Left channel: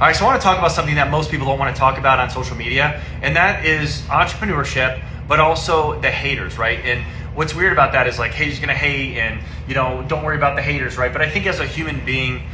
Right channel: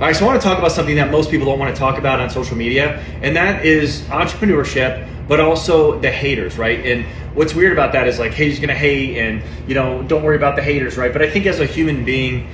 All right, so I want to talk about something that most people don't want to talk about on social media, and that is entrepreneurship, but also the haters, right? And what's weird about that is like, hey, he's gonna hate, and don't worry about the haters, right? But I think as a human being,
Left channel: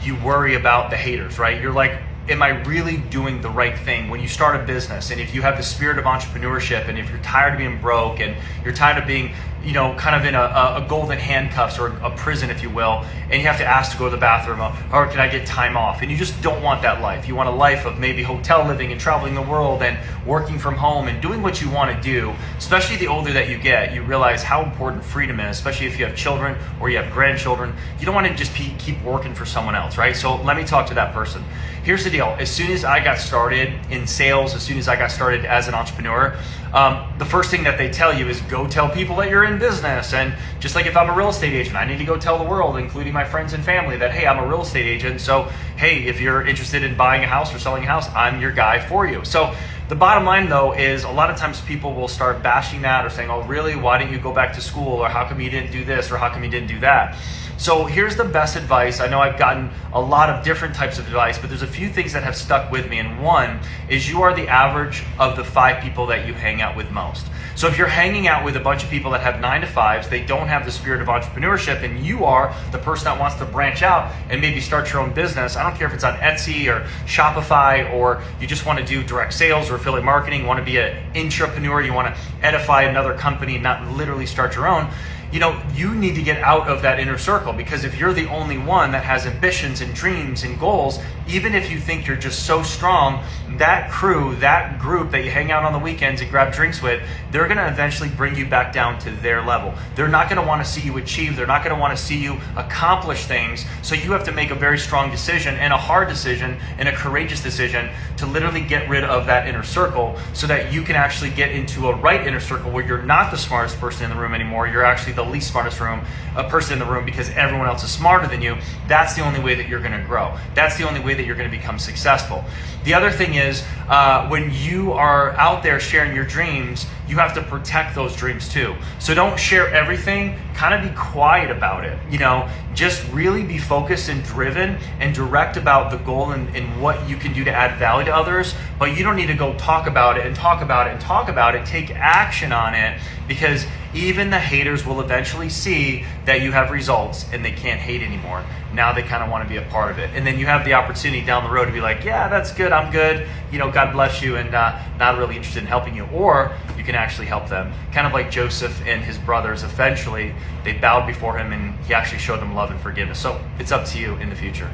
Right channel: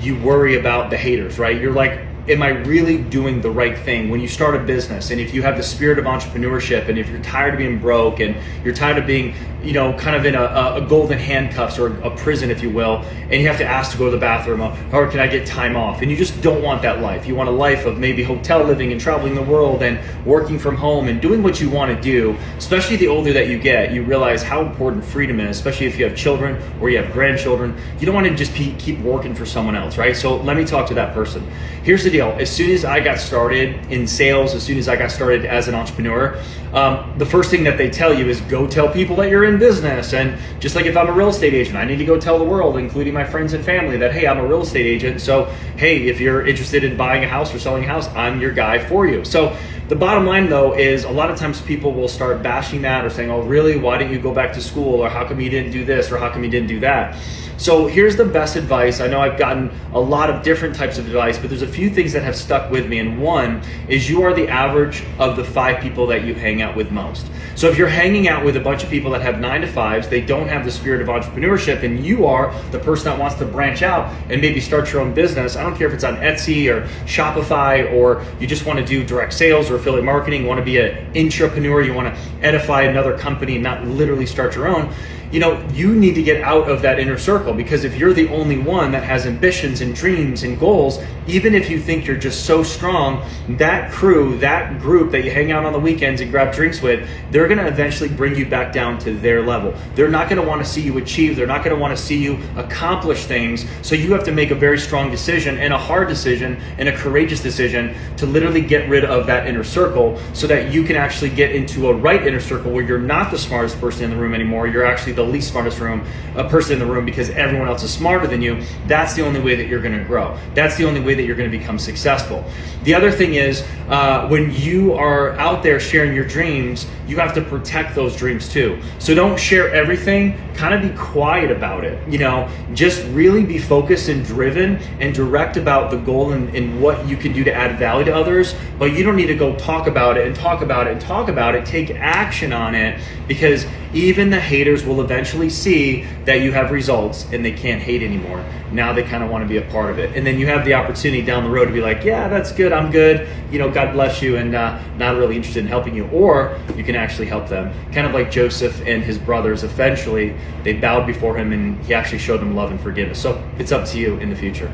you worry about the haters, right? You're like, am I really doing the right thing? When you start a business, and if you have the spirit of entrepreneurship, and if you're tired of being broke, and you're tired of being, kind of in a golden handcuffs or a prison, if you will, and you have to ask to go to the bathroom, or can I get time off? And you just don't want that life. You want a life of maybe hotel living and traveling the world and working from home and doing what you want to do. Especially the older that you get, you realize how important freedom is, especially if you have children or you have grandchildren. You don't want to just keep working for someone else, right? So let me talk to that person. Here's the deal. As soon as I got started in sales, as soon as I got started as an entrepreneur, the first thing that they tell you is go tell people that you're in business. And just like if I'm a real estate agent, I need to go tell the world, including my friends and family, that, hey, I'm a real estate agent. So, hey, if you're interested in buying a house or selling a house, I'm your guy for you. So the bottom line, though, is a lot of times people will start bashing that or saying, oh, really? Why didn't you go back to school? Or how come you didn't do this? Or how come you didn't do that? So here's the best advice. I know I've gotten a lot of different types of advice, but there's a few things that have stuck with me. And one is you are the average of the 5 people that you hang out with most. So if you're hanging out with a bunch of people that have 9 to 5s, they don't have the spirit of entrepreneurship, and you are the person that wants to branch out and maybe start your own business. I don't care if it's on Etsy or Shopify, or you just want to do direct sales or affiliate marketing, you want to be an intrapreneur, you want to edify another company, not literally start your own. You need to get out of that inner circle, because if you're the only one that has ambitions and dreams and goals, even if you think you're just so strong, that crew, that group that you hang out on the weekends and grab drinks with, they're going to eventually bring you back down to their level. They're not going to want to see you achieve. They're not going to want to see you accomplish things. So you have to make a very strong decision, and a hard decision, and a courageous decision to literally get rid of that inner circle, so that you can actually get into a right inner circle where you're not the smartest person in the room anymore. You're actually the least smartest person in the room, because everyone else is smarter than you. That's the only way that you're going to grow. That's the only way that you're going to become successful. The other thing is, when you are out there sharing your dreams, you have to protect those dreams too. So don't share everything. Kind of be quiet about it. Just really be focused and driven and direct about the goal and what you can do to add value to others. But you don't need to go talk about it and talk about it and talk about it. Take action on it, because even the haters will eventually see that you have results, and they can't hate anymore. Now they kind of want to be a part of it. And then you have the opportunity down the road to be like, yeah, that's good, I'm good, God bless you, and not really interested in helping you. Or you can actually help them. Kind of like Joseph and his brothers. Eventually, they bowed before him, and he actually showed them love and forgiveness. So it's up to you in the future.